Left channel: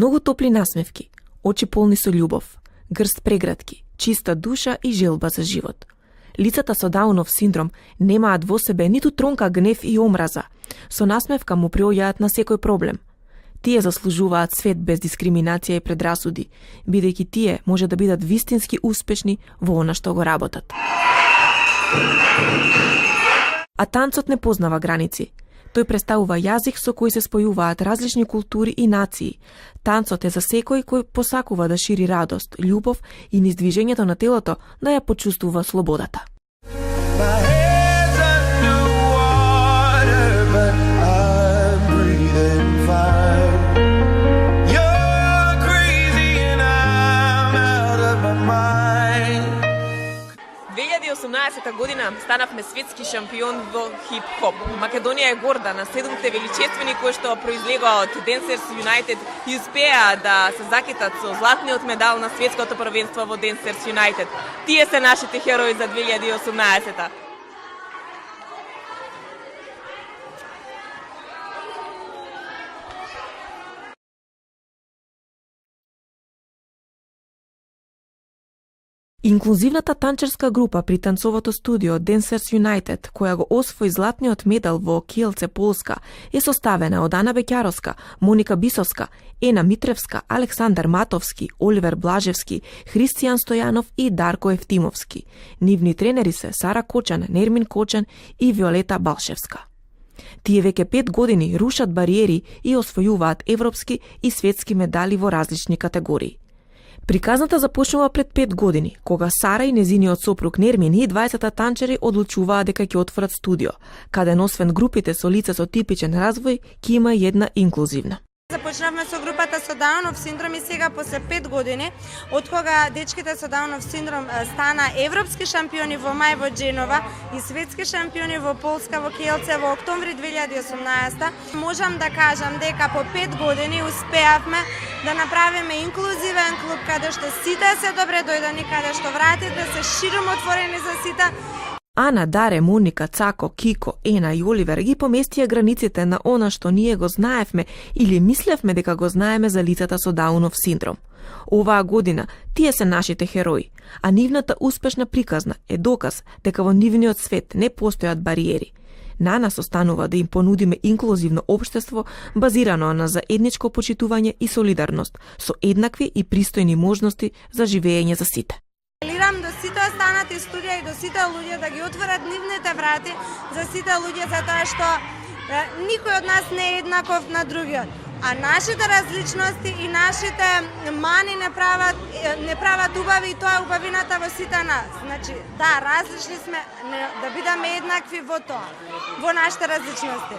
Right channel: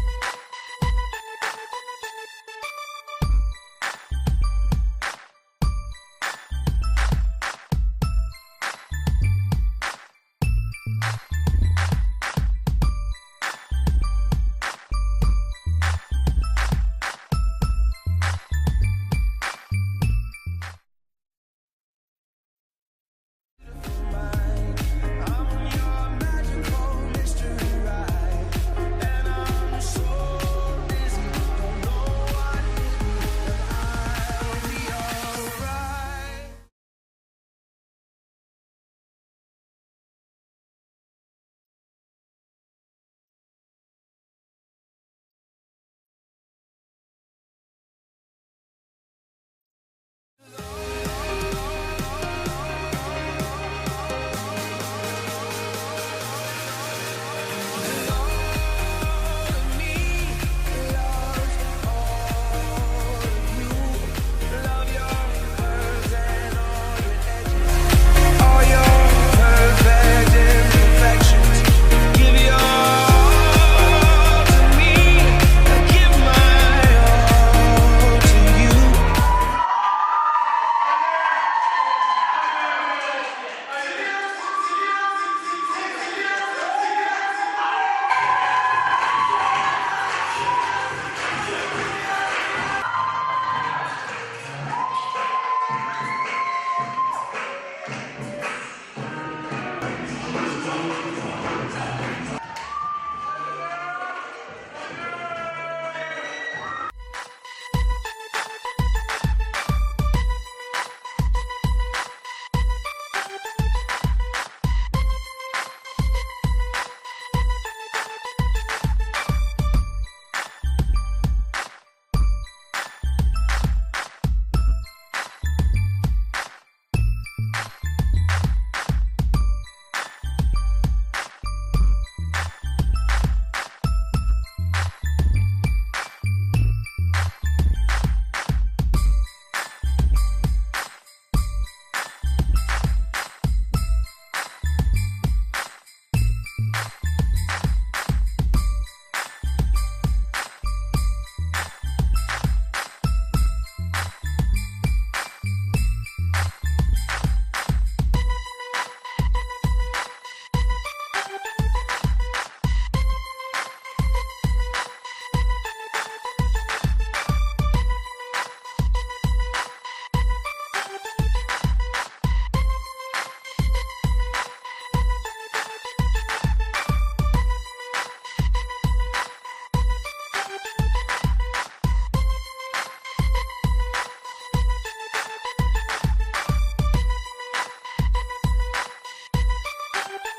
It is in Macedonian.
Многу топли насмевки, очи полни со љубов, грст прегратки, чиста душа и желба за живот. Лицата со Даунов синдром немаат во себе ниту тронка гнев и омраза. Со насмевка му приоѓаат на секој проблем. Тие заслужуваат свет без дискриминација и предрасуди, бидејќи тие може да бидат вистински успешни во она што го работат. А танцот не познава граници. Тој представува јазик со кој се спојуваат различни култури и нации. Танцот е за секој кој посакува да шири радост, љубов и низ движењето на телото да ја почувствува слободата. Година станавме светски шампион во хип-хоп. Македонија е горда на 7 величествени кои што произлега од Dancers United и успеа да се закитат со златниот медал на светското првенство во Dancers United. Тие се нашите херои за 2018-та. Инклузивната танчерска група при танцовото студио Dancers United, која го освои златниот медал во Киелце, Полска, е составена од Ана Веќаровска, Моника Бисовска, Ена Митревска, Александар Матовски, Оливер Блажевски, Христијан Стојанов и Дарко Евтимовски. Нивни тренери се Сара Кочан, Нермин Кочан и Виолета Балшевска. Тие веќе 5 години рушат бариери и освојуваат европски и светски медали во различни категории. Приказната започнува пред 5 години, кога Сара и незиниот сопруг Нермин и 20 танчери одлучуваа дека ќе отворат студио, каде освен групите со лица со типичен развој, ќе има и една инклузивна. Започнавме со групата со Даунов синдром и сега после 5 години, од кога дечките со Даунов синдром стана европски шампиони во мај во Дженова и светски шампиони во Полска во Киелце во октомври 2018, можам да кажам дека по 5 години успеавме да направиме инклузивен клуб каде што сите се добре дојдени, каде што вратите се широм отворени за сите. Ана, Даре, Моника, Цако, Кико, Ена и Оливер ги поместија границите на она што ние го знаевме или мислевме дека го знаеме за лицата со Даунов синдром. Оваа година тие се нашите херои, а нивната успешна приказна е доказ дека во нивниот свет не постојат бариери. На нас останува да им понудиме инклузивно општество базирано на заедничко почитување и солидарност, со еднакви и пристојни можности за живење за сите. Апелирам до сите останати студија и до сите луѓе да ги отворат нивните врати за сите луѓе, затоа што никој од нас не е еднаков на другиот. А нашите различности и нашите мани не прават убави и тоа е убавината во сите нас. Значи, да, различни сме, да бидеме еднакви во тоа, во нашите различности.